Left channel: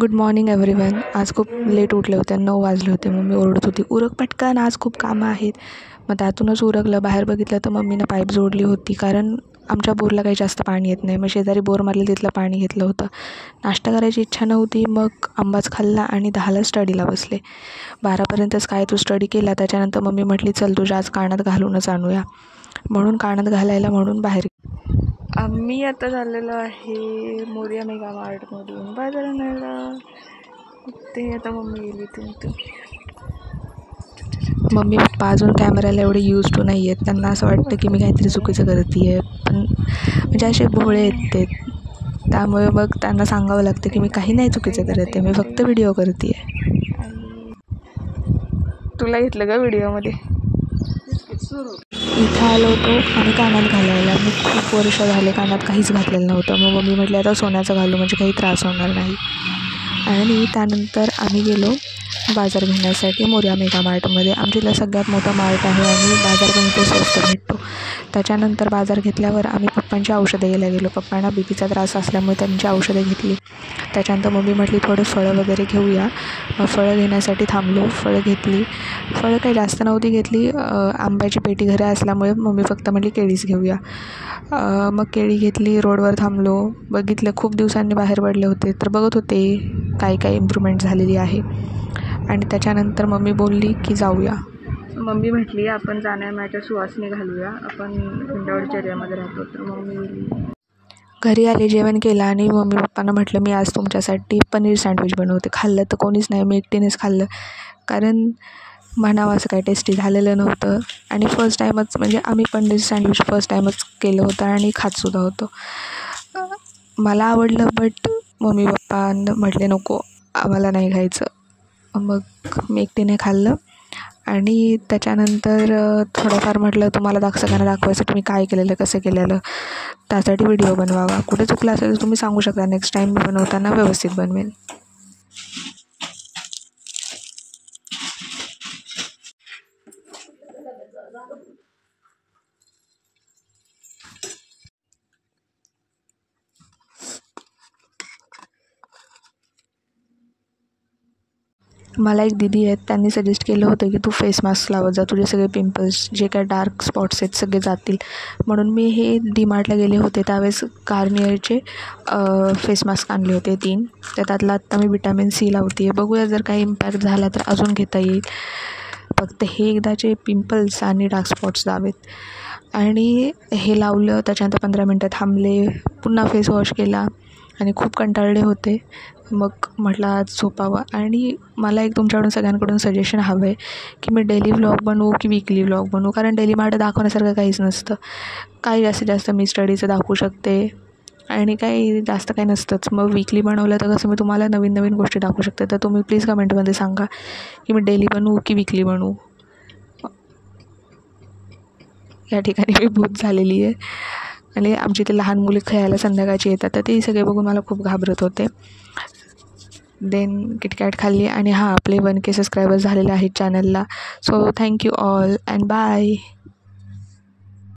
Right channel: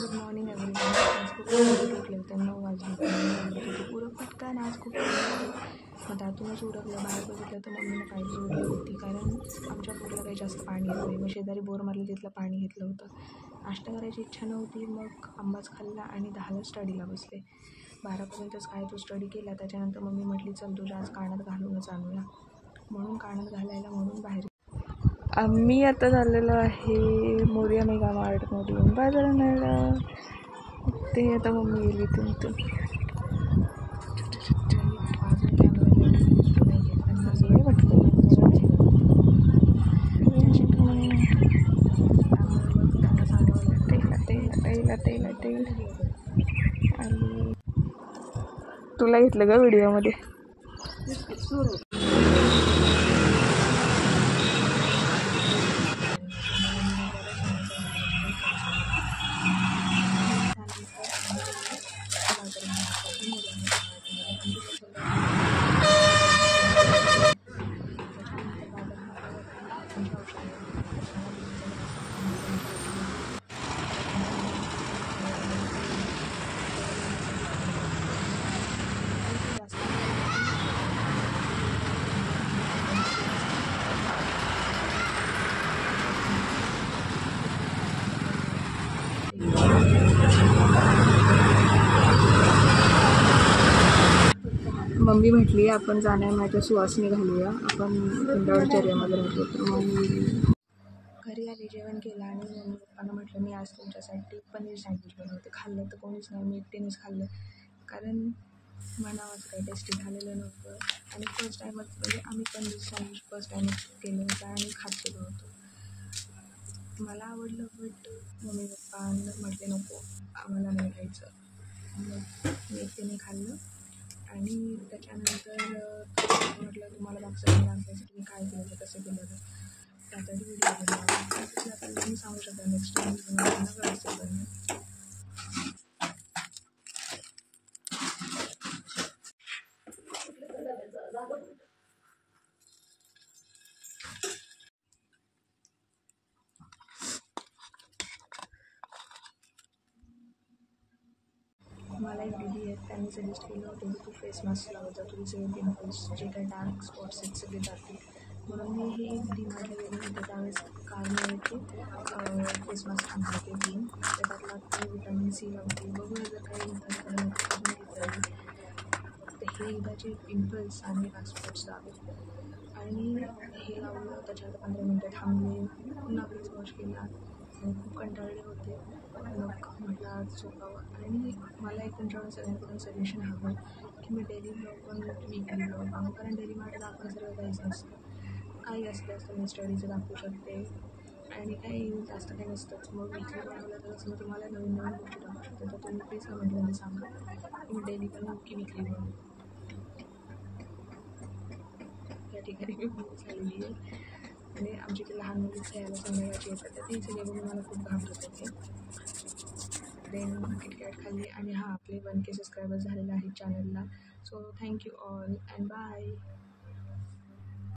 Good morning everyone. आज खूप late उठले होते, 9 वाजले होते. मम्मी ओरडत होती, उरक पटकन, आज खूप कामं आहेत. मग त्यातूनच उरकलं. बाहेर बघितलं तर मम्मीनं पाईप जोडली होती, कारण आमच्या बोरला काही जास्त पाणी येत नाही. मग शेजारी बोर मारले तिथलं पाणी घेतलं होतं. नाश्ता करायची इच्छा नव्हती, मग आंबाच खाल्ला आणि 10ला स्टडीला बसले. 12पर्यंतच काय तू स्टडी केला. त्याच्यानंतर मम्मी म्हटली, चल तुझ्या आज कानात घालूनच आणूया. म्हणून कानात घालायला म्हणून बाहेर आम्ही आता चाललेलो आहे मोरया मेगा मार्टमधून बाजार आणायला. ते आता मम्मी गेली तिथून. मम्मी पप्पा अजून कॅमेऱ्याला एवढे यूज टू नाही आहेत. त्यांना असं वाटतं की मी काहीतरी चुकीचं करते आहे, पण म्हणजे असे भोळे आहेत ते. त्यामुळे मग त्यांना सांगावं लागतं की मी काही नाही चुकीचं करत आहे, मी फक्त व्हिडिओ करते आहे. आणि तुला घेतलं का व्हिडिओमध्ये? इथं आलो होतो आणि कानात घालायला. मी खूप वर्ष झाले कानात काहीच घातलेलं नव्हतं. मग मम्मी म्हटली आता सोन्याचं घालू, म्हणजे काही त्रास होणार नाही. आणि त्यानंतर आम्ही गेलो बाजार घेण्यासाठी मोरया मेगा मार्टमध्ये. आमच्या इथला सगळ्यात मोठा मार्ट आहे आणि बाजार पण इथे स्वस्त भेटतो. त्याच्यानंतर बाजार घेतल्यावर आम्ही पप्पांची औषधं घ्यायला गेलो. पप्पांना बीपीचा त्रास असल्यामुळे त्यांची औषधं घेतली. त्याच्यानंतर मम्मी म्हटली थोडे फळं वगैरे घेऊया. फळं घेण्यासाठी थांबलो. फळं घेतली. फळं काही जास्त नव्हती घेतली. आंब्याची पेटी घरी असल्यामुळे मम्मी फक्त म्हटली केळीच घेऊया. मग केळी घेतली. रोडवर थांबलो. बघितलं खूप दिवसांनी बाहेर पडले होते, तर बघत होते काही इम्प्रूव्हमेंट झालेली आहे. आणि त्याच्यानंतर मम्मी बोलली की जाऊया. मम्मी म्हटली आपण जाण्यामागच्या सुवासनी घालूया, आपण पिंडावरच्या एरियामध्ये राहतो. तर मम्मी घरी आले, जेवण केलं आणि मम्मी पप्पांना म्हटलं मी आज तुमच्यासाठी पनीर सँडविच बनवते. खाल्लं तर कोणीच नाही, मी एकटीनेच खाल्लं, कारण म्हणावं असं काही टेस्टी झालेलं नव्हतं. आणि फर्स्ट टाईमच, म्हणजे आम्ही पनीर सँडविच फर्स्ट टाईमच केलं होतं आणि खातसुद्धा होतो. मला आवडलं, बट मम्मी पप्पा म्हटले नको आम्हाला नाही खायचं. मग मी एकटीने खाल्लं. आणि त्याच्यानंतर थोडंफार म्हटलं तुम्हाला सगळ्यांना दाखवायसाठी मी काय केलेलं, कसं केलेलं, त्यासाठी व्हिडिओ बनवावा. कुठे चुकलं असेल तर तुम्ही सांगू शकता, नेक्स्ट टाईम मी बनवताना व्यवस्थित बनवेन. मला एक दीदी आहेत, त्यांनी सजेस्ट केलं होतं की तू फेस मास्क लावत जा, तुझे सगळे पिंपल्स, जे काय डार्क स्पॉट्स आहेत सगळे जातील. म्हणून मी हे डीमार्टला गेले होते त्यावेळेस गार्नियरचे फेस मास्क आणले होते 3. त्यातला आत्ता मी विटॅमिन सी लावते आहे. बघूया जर काही इम्पॅक्ट झाला तर अजून घेता येईल. फक्त हे एकदाचे पिंपल्स आणि डार्क स्पॉट्स जावेत. आणि हे लावलं. त्याच्यानंतर 15 मिनटं थांबले, पुन्हा फेस वॉश केला आणि खूप कंटाळले होते. मग म्हटलं आज झोपावं. आणि मला एक तुमच्याकडून सगळ्यांकडून सजेशन हवं आहे की मी डेली व्लॉग बनवू की वीकली व्लॉग बनवू, कारण डेली मार्ट दाखवण्यासारखं काहीच नसतं. काही जास्तीत जास्त मी स्टडीचं दाखवू शकते आणि काही जास्त काही नसतंच. मग वीकली बनवलं तर कसं मी तुम्हाला नवीन नवीन गोष्टी दाखवू शकते. तर तुम्ही प्लीज कमेंटमध्ये सांगा की मी डेली बनवू की वीकली बनवू. या ठिकाणी मी भूत झालेली आहे आणि आमची ते लहान मुली खेळायला संध्याकाळची येतात, तर ते सगळे बघून मला खूप घाबरत होते. देन किटकॅट खाल्ली. आणि हां, आपले 1K सबस्क्रायबर्स झालेले आहेत चॅनलला. So thank you all and bye.